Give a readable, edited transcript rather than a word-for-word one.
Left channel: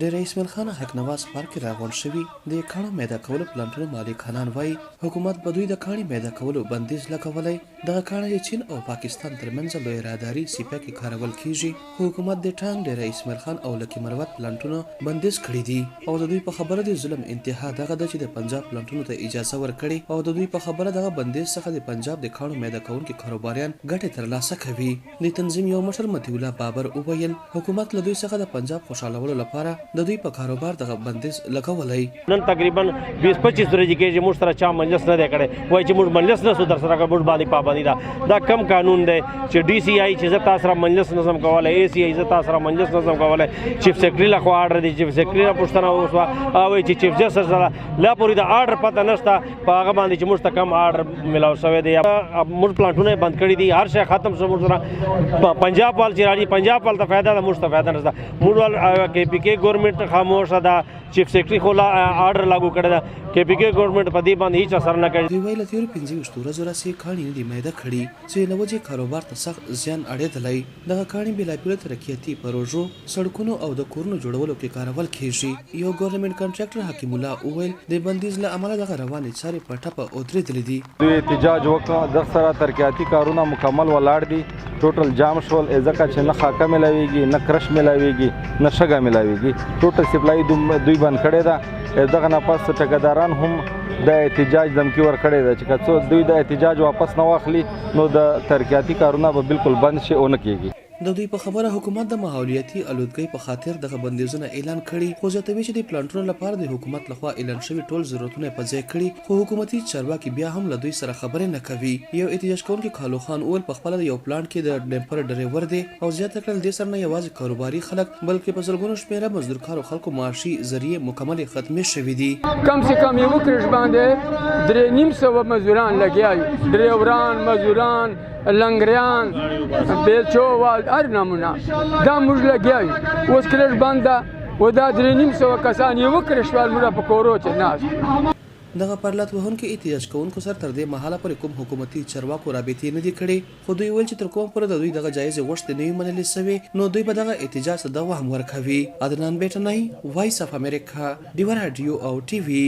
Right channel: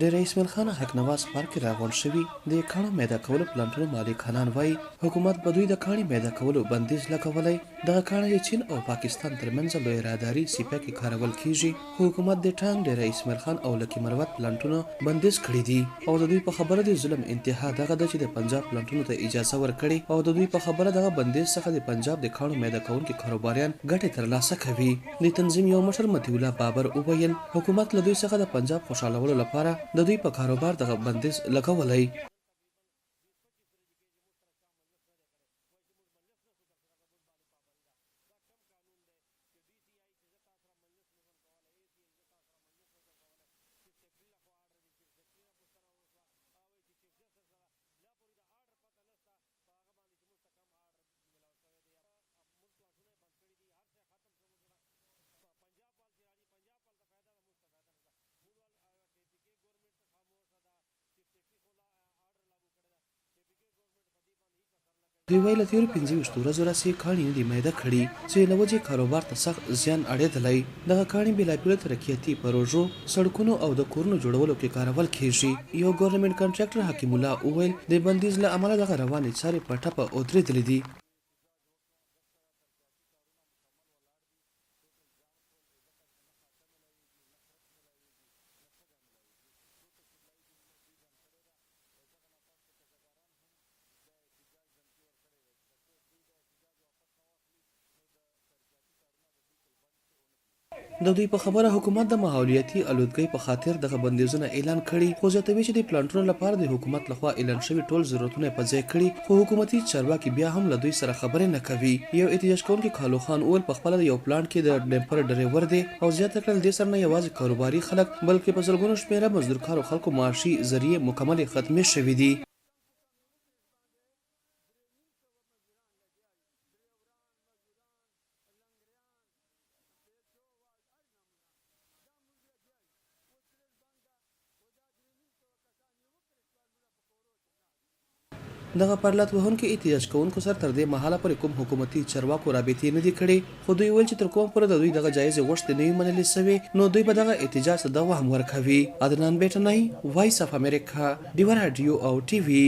د رئیس ملخان حق نواز پارک راغون شوی د کانو میده کولو پلانټونو مالکانان وای حکومت بدوی د کاني میده کولو بندیز لګولای د کاني چین او پاکستان ترمنځ لوی راداري سیپه کې کارول کیږي حکومت د ټانګ د رئیس ملخان او لکی مروت پلانټونو بندیز کړی دي او د دوی په خبره د ظلم انتها دغه د چې د پنجاب پلانټونو ته اجازه ورکړي او د دوی په خبره دغه بندیز څخه د پنجاب د کانو میده کوونکو کاروباریان ګټه ترلاسه کوي د تنظیم یو مشر مطیع الله بابر وویل حکومت له دوی څخه د پنجاب خوشالولو لپاره د دوی په کاروبار دغه بندیز لګولای نن تقریبا 20-25 ورځې کې چې موږ سره چا مجلس نه دی کړی وایي چې موږ مجلس نه سو در سره موږ باندې پابندي ده دا کم قانون دی چې ډي سی آی چې زه تاسو سره مجلس نظم کولای اے سی آی زه تاسو سره مجلس نظم کولای چیف سیکرټري له خوا آرډر دی چیف سیکرټري نه پوښتنه وشوه او چې چیف جسټس سره لا پورې د آرډر پته نشته په هغه باندې چې موږ ته کم آرډر ملاو شوی دی موږ پلانټونه بند کړي دي هر شی ختم شو موږ سره پنجاب وال چې راځي پنجاب وال ته فایده ده موږ ته فایده نشته موږ وال کې پی کې ګورنمنت خاموشه ده چیف سیکرټري خو آرډر لاګو کړی ده کې پی کې ګورنمنت په دې باندې هیڅ اثر نه کوي دوی ویل تیر 15 ورځې راځي کاني نه دی میده کړي چې لوجه کاروبار ته سخت زیان اړېدلی دغه کاني بلابل ترقیاتي پروژو سړکونو او د کورونو جوړولو کې کارول کیږي یو ګورنمنت کنټراکټر حکیم الله اویل د بندیز له عمله دغه روانې چارې په ټپه ودرېدلې دي دوی احتجاج وکړ د سره ترقیاتي کارونه مکمل ولاړ دي ټوټل جام شول ځکه چې نه خاکه ملاویږي نه کرش ملاویږي نه شګه ملاویږي ټوټل سپلای دوی بند کړی ده دغه نه پس ټکداران هم د احتجاج دمکی ورکړی ده چې که څوک دوی د احتجاج واپس نه واخلي نو د ترقیاتي کارونه به بالکل بند شي او نه کیږي د دوی په خبره حکومت د ماحولیاتي الودګۍ په خاطر دغه بندیزونه اعلان کړي خو زیاتوي چې د پلانټونو لپاره د حکومت لخوا اعلان شوی ټول ضرورتونه په ځای کړي خو حکومتي چارواکي بیا هم له دوی سره خبرې نه کوي یو احتجاج کوونکی خلاف اول په خپل یو پلانټ کې د ډمپر ډرایور دی او زیاته کړل د سر نه یوازې کاروباري خلک بلکې په زرګونو شمیره مزدورکارو خلکو معاشي ذریعہ مکمل ختمې شوې دي کم سے کم یو کرش باندې 350 مزدوران لګیاي ډرایوران مزدوران لنګریان بیلچوال هر نمونه دا موږ لګیاي اوس کرش باندې و دا 350 کسان یو کرشوال موږ په کورو چې ناس دغه پرلط وهونکو احتجاج کوونکو سره تر دې مهاله پر کوم حکومتي چارواکو رابطې نه دي کړې خو دوی ویل چې تر کوم پر د دوی دغه جایزې غوښتنې نه وي منلې سوې نو دوی به دغه احتجاج ته دوام ورکوي عدنان بیټنۍ وایس اف امریکا ډیو رادیو او ټي وي